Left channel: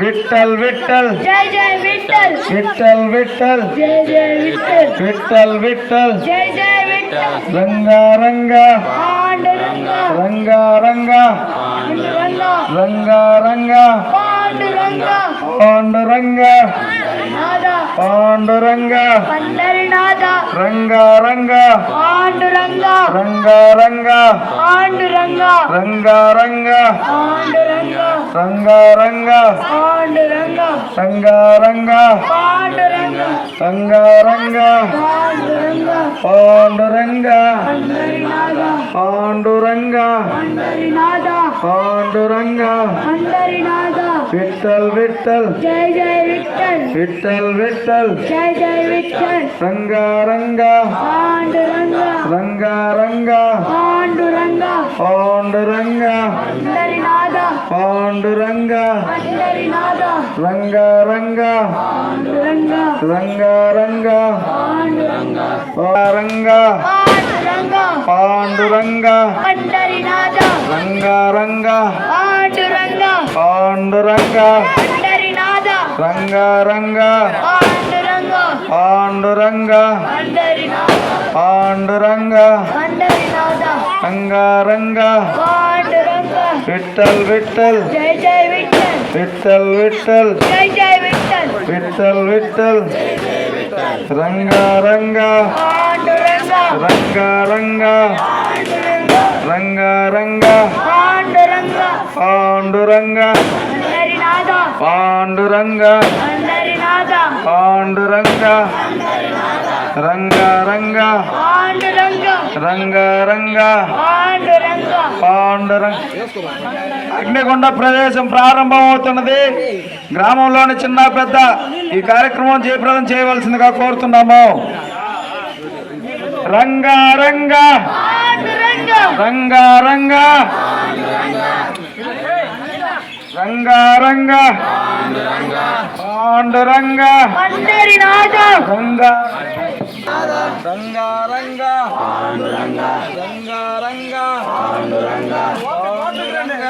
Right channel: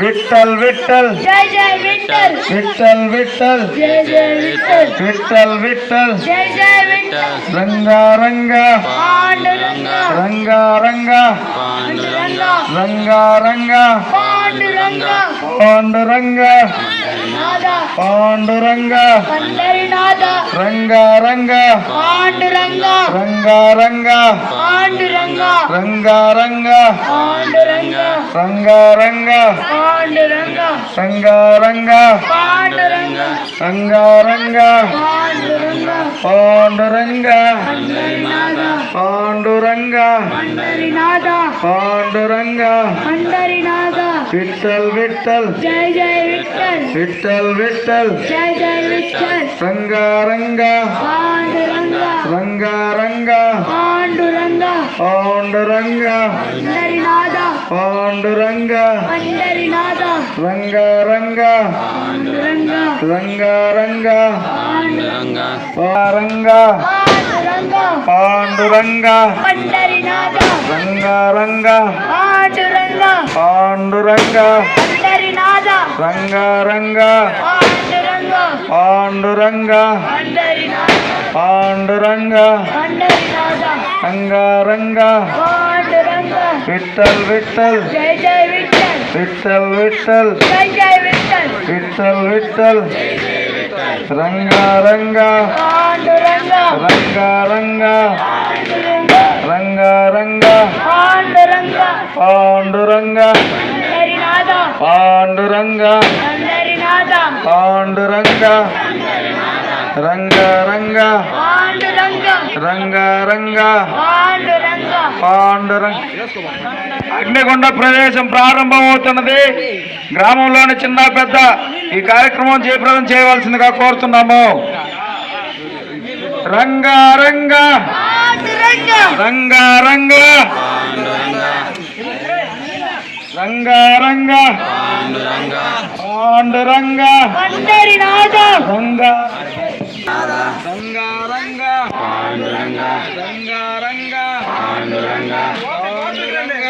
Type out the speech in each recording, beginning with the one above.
విఠల్ విఠల్ జై జై విఠల్ విఠల్ విఠల్ జై జై విఠల్ విఠల్ విఠల్ జై జై విఠల్ రంగా రంగా పాండురంగ రంగా రంగా పాండురంగ రంగా రంగా పాండురంగ పాండురంగ నాద పాండురంగ పండరినాథ రంగా రంగా పాండురంగ రంగా రంగా పాండురంగ రంగా రంగా పాండురంగ రంగా రంగా పాండురంగ రంగా రంగా పాండురంగ రంగా రంగా పాండురంగ పాండురంగ పండరినాథ పాండురంగ పండరినాథ పాండురంగ పండరినాథ విఠల్ విఠల్ జై జై విఠల్ విఠల్ విఠల్ జై జై విఠల్ రంగా రంగా పాండురంగ రంగా రంగా పాండురంగ పాండురంగ పండరినాథ పాండురంగ పండరినాథ రంగా రంగా పాండురంగ రంగా రంగా పాండురంగ పారంగా పాండురంగ పాండురంగ పండరినాథ రంగా రంగా పాండురంగ పాండురంగ పండరినాథ రంగా రంగా పాండురంగ పాండురంగ పండరినాథ పాండురంగ పండరినాథ రంగా రంగా పాండురంగ విఠల్ విఠల్ జై జై విఠల్ విఠల్ విఠల్ జై జై విఠల్ విఠల్ విఠల్ రంగా రంగా పాండురంగ రంగా రంగా పాండురంగ రంగా రంగా పాండురంగ పాండురంగ పండరినాథ పాండురంగ పండరినాథ పాండురంగ రంగా రంగా పాండురంగ రంగా రంగా పాండురంగ పాండురంగ అగ్నిగుండ ప్రవేశం ప్రారంభమవుతున్నది. గ్రామంలోని చిన్న పెద్ద ఈ కార్యక్రమం జయప్రదం చేయవలసిందిగా కోరుతున్నాము. రంగా రంగా పాండురంగ రంగా రంగా రంగా రంగా పాండురంగ పండరినాథ రంగా రంగా రంగా పాండురంగ రంగా రంగా పాండురంగ పాండురంగ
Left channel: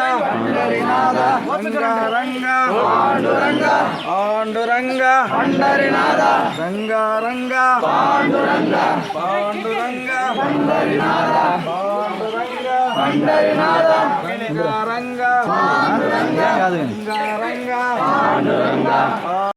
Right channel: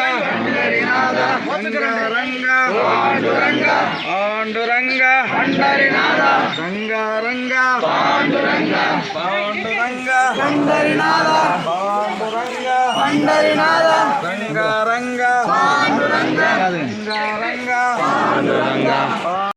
రంగా రంగా పాండురంగ పాండురంగ పండరినాథ రంగా రంగా పాండురంగ పాండురంగ పండరినాథ పాండురంగ పండరినాథ రంగా రంగా పాండురంగ రంగా రంగా పాండురంగ